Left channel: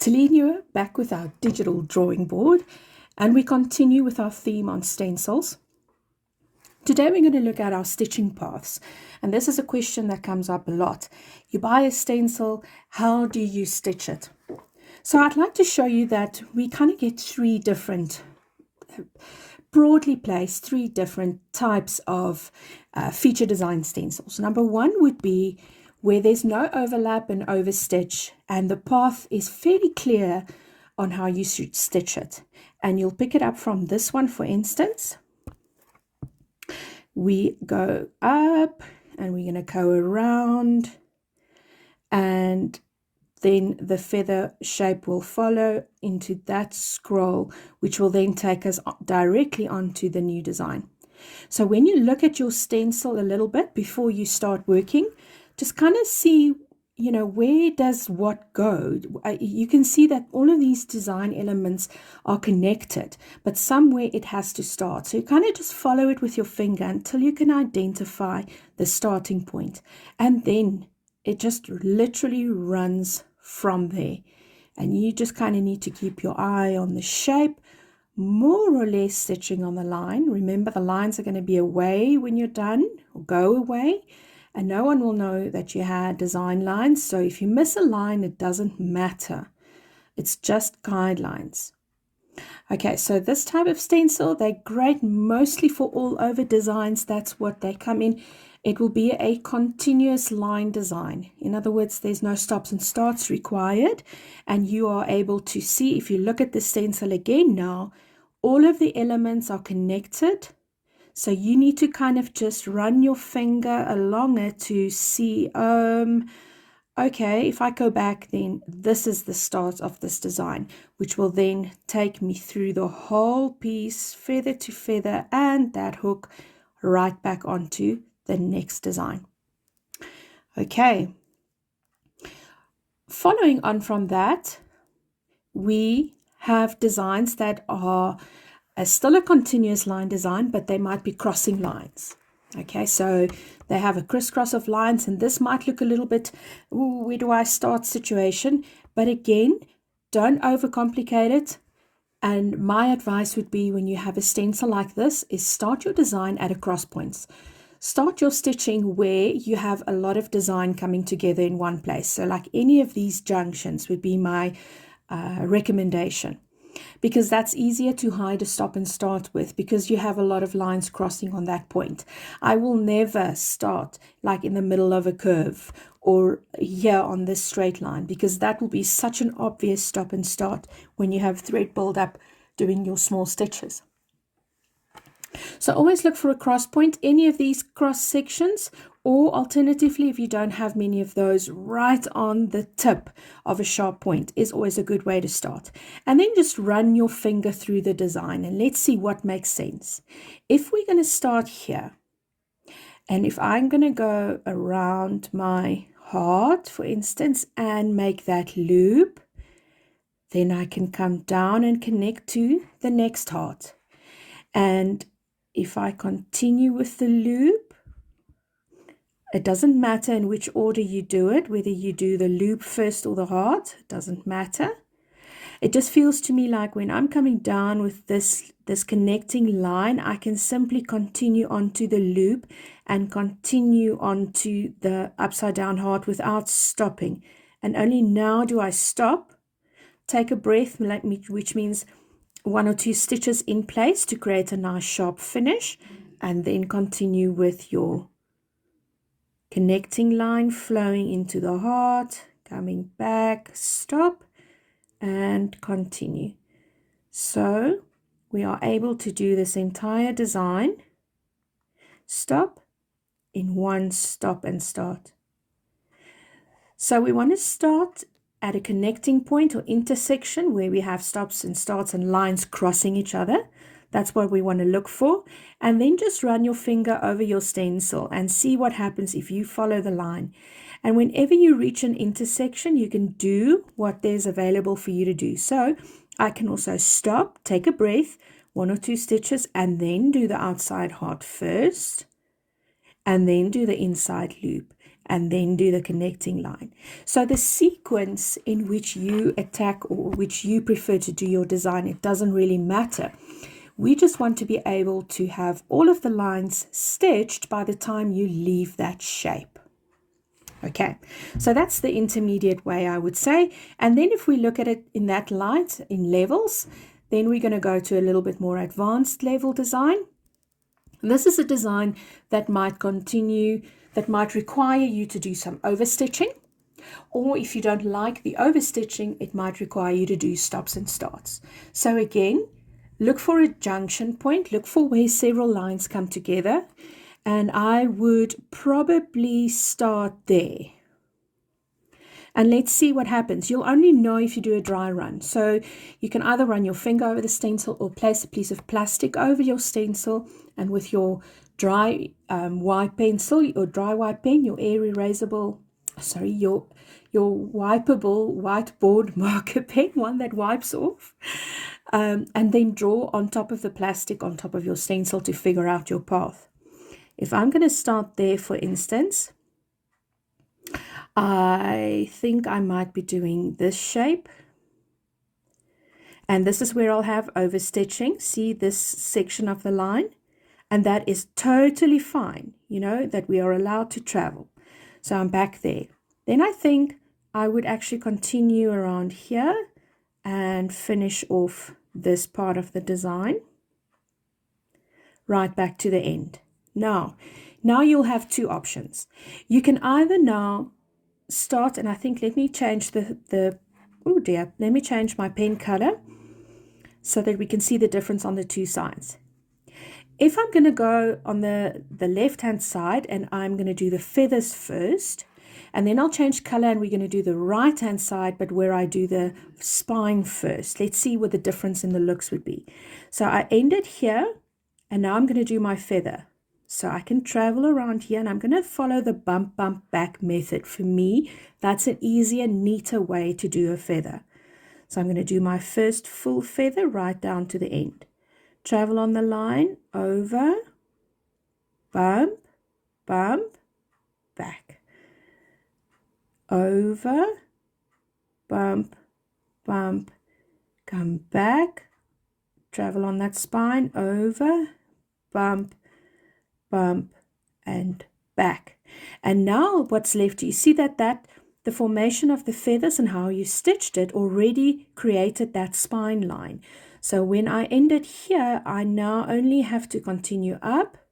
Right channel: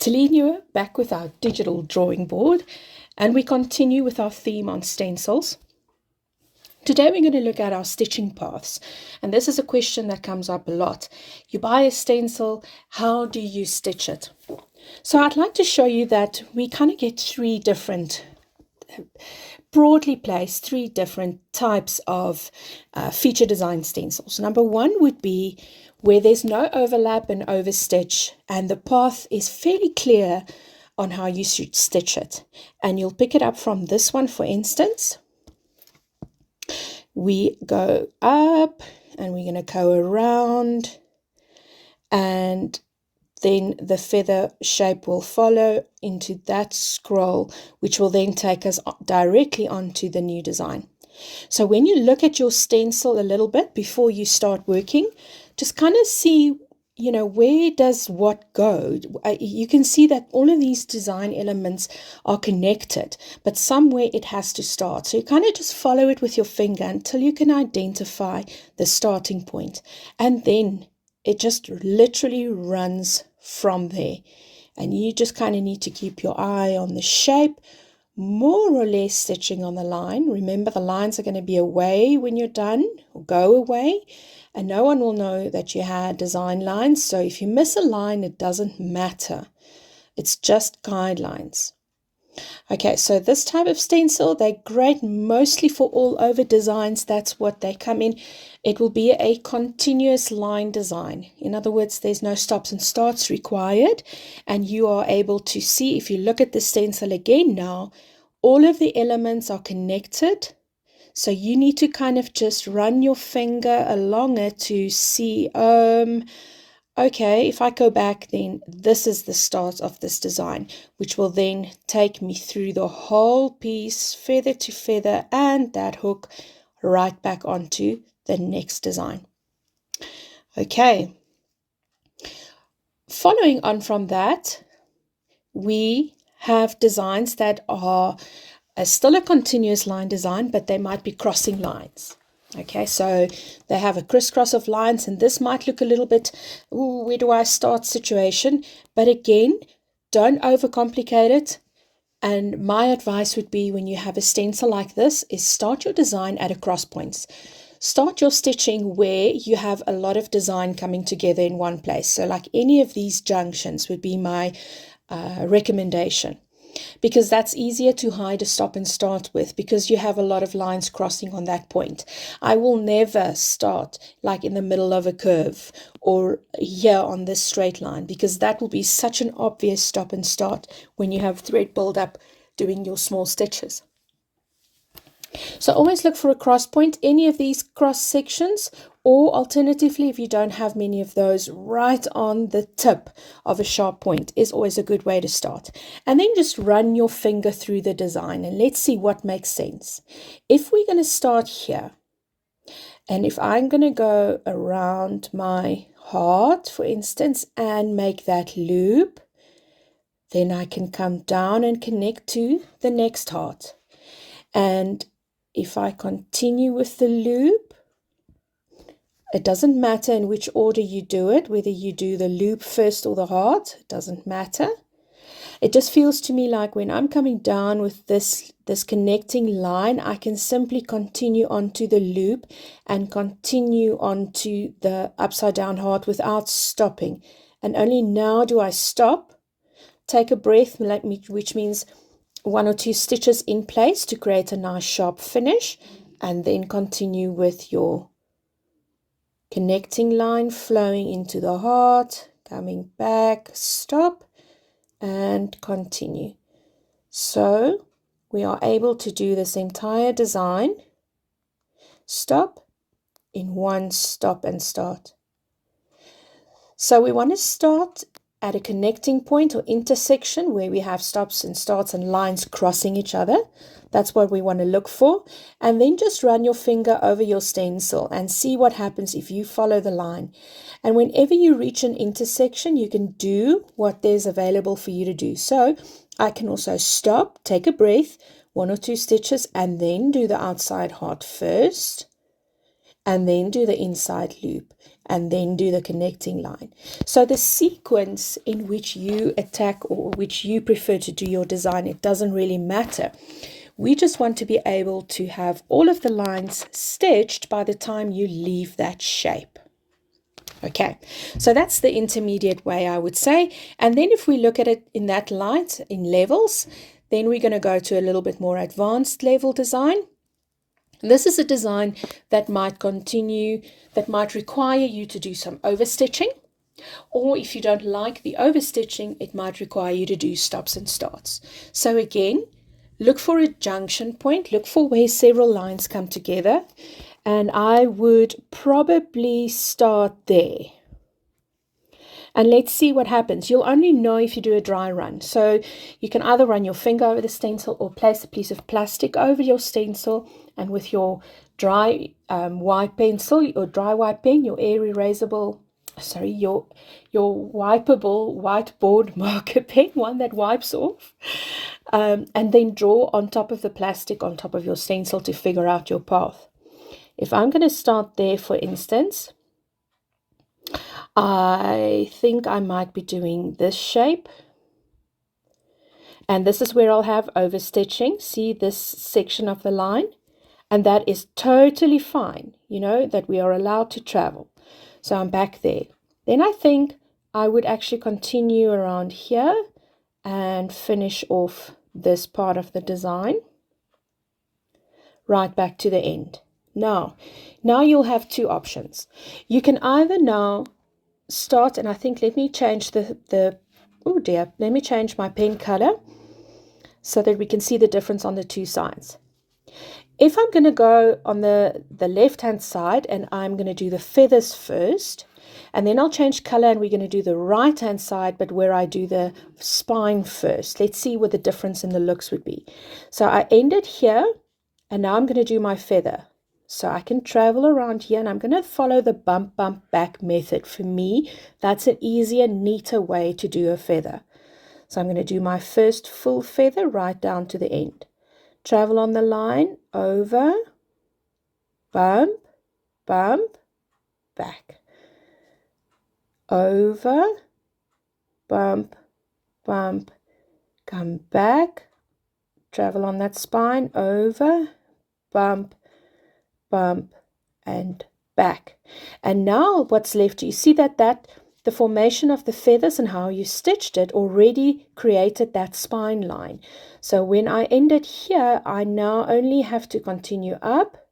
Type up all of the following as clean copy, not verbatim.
Telene back with our digital drawing board, and we continue with our theme on stencils. Today we're going to look at our stitching paths, and this is a question that comes up a lot. You buy a stencil, how do you stitch it? So I'd like to show you that we kind of get broadly placed three different types of feature design stencils. Number one would be where there's no overlap and overstitch, and the path is fairly clear on how you should stitch it. And you'll pick it up from this one, for instance. We go up and we're going to go around, and then the feather shape will follow into that scroll, which will then take us directly onto the new design. So when you look at your stencil a little bit before you start working, just kind of see, where does what go? You can see that all of these design elements are connected, but somewhere it has to start. So you kind of just follow it with your finger until you can identify the starting point. And then it just literally runs from there. And you just kind of need to keep your eye on the shape, more or less stitching on the line. Remember, the lines are going to be away when you're done, or go away. And no one will know that you had design lines. So if you miss a line, it doesn't matter. It's just guidelines. Okay, so this type of stencil, they're great mostly for all over designs. That's what they come in. It will be a continuous line design. In other words, there's no stops and starts required. And you are able to see, if you look at the stencil again now, all of the elements are connected. So you need to kind of just run your finger along it to see, okay, if I go back, then this is the start of this design, which will then take me through the whole piece, feather to feather, and that hook right back onto the next design. Okay. Following on from that, we have designs that are still a continuous line design, but they might be crossing lines. Okay, so they have a crisscross of lines, and this might look a little bit, ooh, where do I start situation? But again, don't overcomplicate it. And my advice would be, when you have a stencil like this, is start your design at a cross points. Start your stitching where you have a lot of design coming together in one place. So like any of these junctions would be my recommendation, because that's easier to hide a stop and start with, because you have a lot of lines crossing on that point. I will never start like in the middle of a curve or here on this straight line, because that will be such an obvious stop and start when you have thread build up doing your small stitches. So always look for a cross point, any of these cross sections, or alternatively, if you don't have many of those, right on the tip of a sharp point is always a good way to start. And then just run your finger through the design and let's see what makes sense. If we're going to start here, and if I'm going to go around my heart, for instance, and make that loop, then I can come down and connect to the next heart. And if I continue with the loop, it doesn't matter in which order you do it, whether you do the loop first or the heart, it doesn't matter. It just feels to me like when I'm coming down with this connecting line, I can simply continue onto the loop and continue onto the upside down heart without stopping. And only now do I stop, take a breath, which means 1 or 2 stitches in place to create a nice sharp finish, and then continue with your connecting line flowing into the heart, coming back, stop, and continue. So we are able to do this entire design, stop, in one stop and start. So we want to start at a connecting point or intersection where we have stops and starts and lines crossing each other. That's what we want to look for. And then just run your finger over your stencil and see what happens if you follow the line. And whenever you reach an intersection, you can do what there's available for you to do. So I can also stop, take a breath, 1 or 2 stitches, and then do the outside heart first. and then do the inside loop, and then do the connecting line. So the sequence in which you attack or which you prefer to do your design, it doesn't really matter. We just want to be able to have all of the lines stitched by the time you leave that shape. Okay, so that's the intermediate way, I would say. And then if we look at it in that light, in levels, then we're going to go to a little bit more advanced level design. This is a design that might require you to do some overstitching. Or if you don't like the overstitching, it might require you to do stops and starts. So again, look for a junction point, look for where several lines come together. And I would probably start there. And let's see what happens. You'll only know if you do a dry run. So you can either run your finger over the stencil or place a piece of plastic over your stencil, and with your dry white pencil or dry white pen, your wipeable whiteboard marker pen, one that wipes off, and then draw on top of the plastic on top of your stencil to figure out your path. If I'm going to start there, for instance, I think I might be doing this shape. And this is where I'll have overstitching. See this section of the line? And that is totally fine, you know, that we are allowed to travel. So I'm back there. Then I think I would actually continue around here and finish off this part of the design. Right back to the end. Now you'll have two options. You can either now start, and I think let me change let me change my pen color so that we can see the difference on the two sides. If I'm going to go on the left hand side and I'm going to do the feathers first, and then I'll change color and we're going to do the right hand side, but where I do the spine first. Let's see what the difference in the looks would be. So I ended here, and now I'm going to do my feather. So I can travel around here, and I'm going to follow the bump back method. For me, that's an easier, neater way to do a feather. So I'm going to do my first full feather right down to the end. Travel on the line, over, bump, back. Over, bump, come back. Travel on that spine, over, bump, and back. And now what's left, you see that the formation of the feathers and how you stitched it already created that spine line. So when I ended here, I now only have to continue up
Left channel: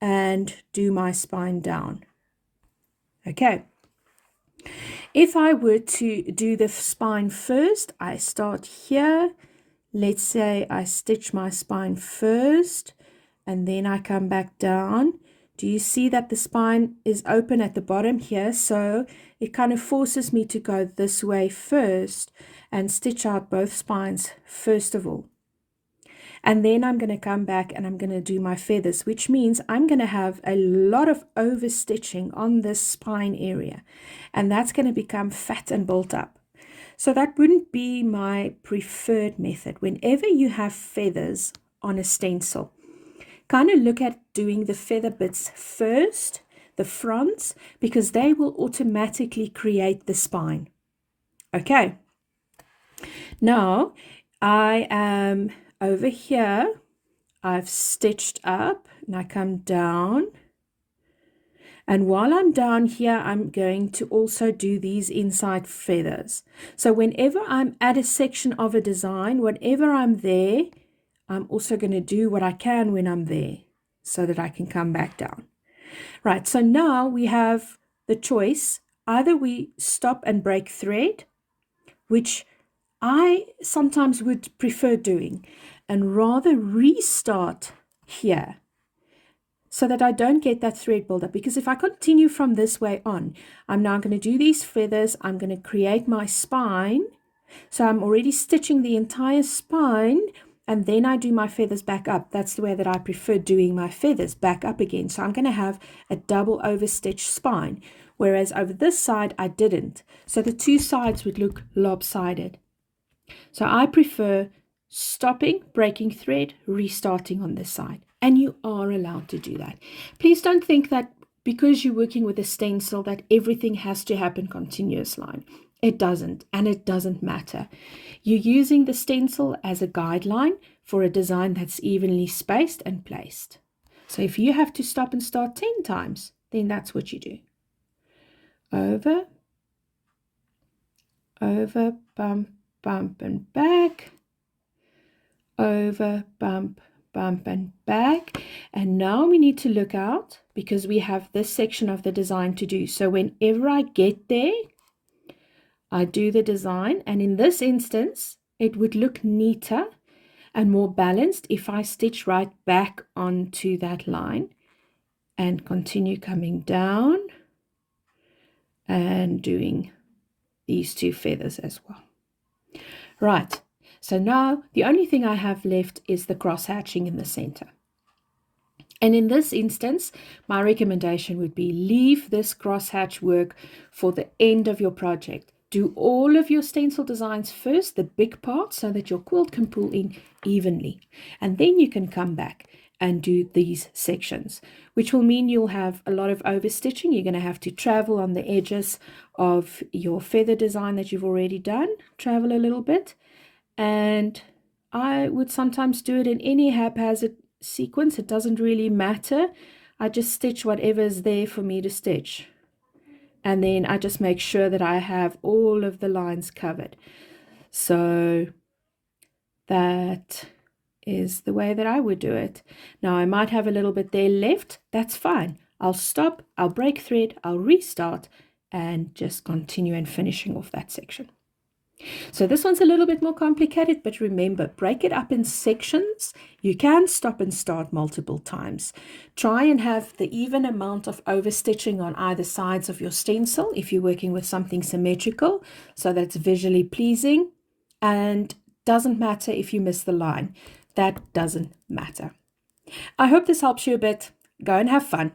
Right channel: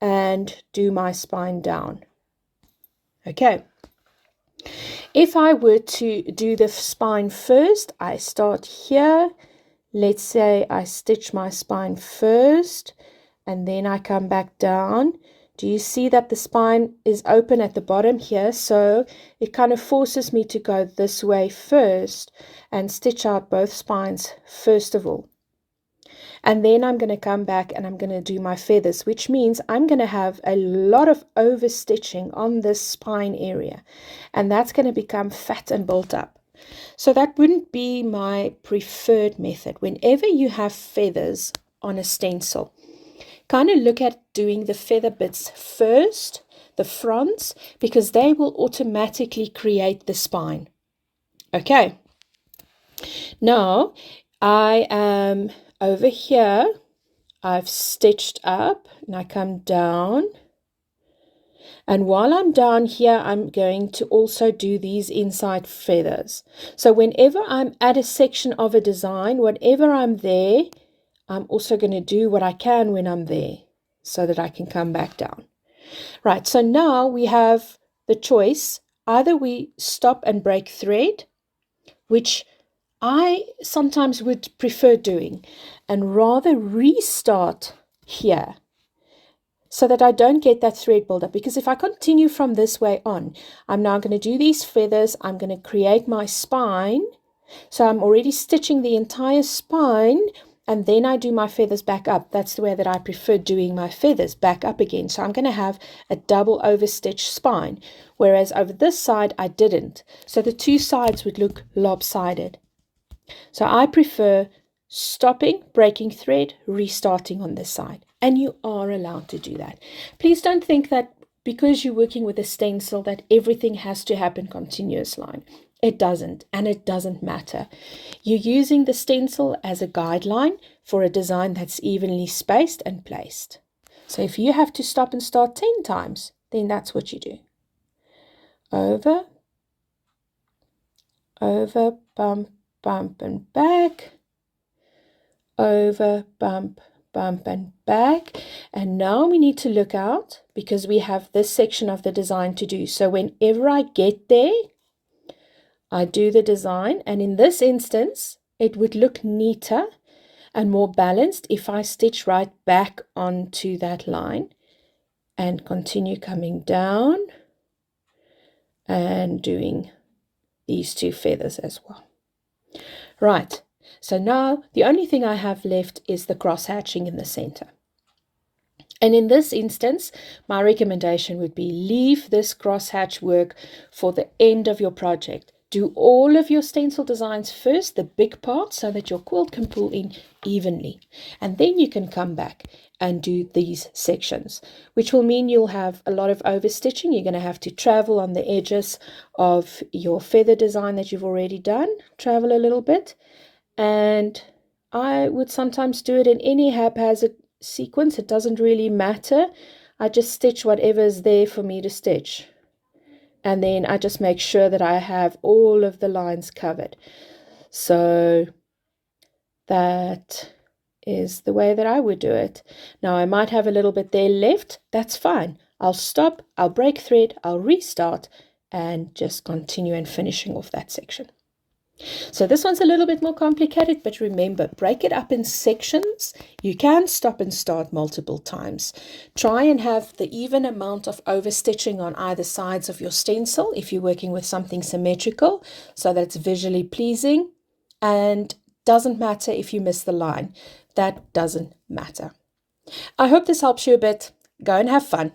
and do my spine down. Okay. If I were to do the spine first, I start here. Let's say I stitch my spine first, and then I come back down. Do you see that the spine is open at the bottom here? So it kind of forces me to go this way first and stitch out both spines first of all. And then I'm going to come back and I'm going to do my feathers, which means I'm going to have a lot of overstitching on this spine area. And that's going to become fat and built up. So that wouldn't be my preferred method. Whenever you have feathers on a stencil, kind of look at doing the feather bits first, the fronts, because they will automatically create the spine. Okay. Now I am over here. I've stitched up and I come down. And while I'm down here, I'm going to also do these inside feathers. So whenever I'm at a section of a design, whenever I'm there, I'm also going to do what I can when I'm there so that I can come back down. Right, so now we have the choice. Either we stop and break thread, which I sometimes would prefer doing, and rather restart here so that I don't get that thread buildup. Because if I continue from this way on, I'm now going to do these feathers. I'm going to create my spine. So I'm already stitching the entire spine, and then I do my feathers back up. That's the way that I prefer doing my feathers, back up again. So I'm going to have a double overstitched spine, whereas over this side I didn't. So the two sides would look lopsided. So I prefer stopping, breaking thread, restarting on this side. And you are allowed to do that. Please don't think that because you're working with a stencil that everything has to happen continuous line. It doesn't, and it doesn't matter. You're using the stencil as a guideline for a design that's evenly spaced and placed. So if you have to stop and start 10 times, then that's what you do. Over, over, bump, bump, and back. Over, bump, bump, and back. And now we need to look out because we have this section of the design to do. So whenever I get there, I do the design, and in this instance, it would look neater and more balanced if I stitch right back onto that line and continue coming down and doing these two feathers as well. Right, so now the only thing I have left is the cross hatching in the center. And in this instance, my recommendation would be leave this cross hatch work for the end of your project. Do all of your stencil designs first, the big part, so that your quilt can pull in evenly. And then you can come back and do these sections, which will mean you'll have a lot of overstitching. You're going to have to travel on the edges of your feather design that you've already done, travel a little bit. And I would sometimes do it in any haphazard sequence. It doesn't really matter. I just stitch whatever is there for me to stitch. And then I just make sure that I have all of the lines covered. So that is the way that I would do it. Now I might have a little bit there left. That's fine. I'll stop, I'll break thread, I'll restart, and just continue and finishing off that section. So this one's a little bit more complicated, but remember, break it up in sections. You can stop and start multiple times. Try and have the even amount of overstitching on either sides of your stencil if you're working with something symmetrical, so that it's visually pleasing. And doesn't matter if you miss the line. That doesn't matter. I hope this helps you a bit. Go and have fun.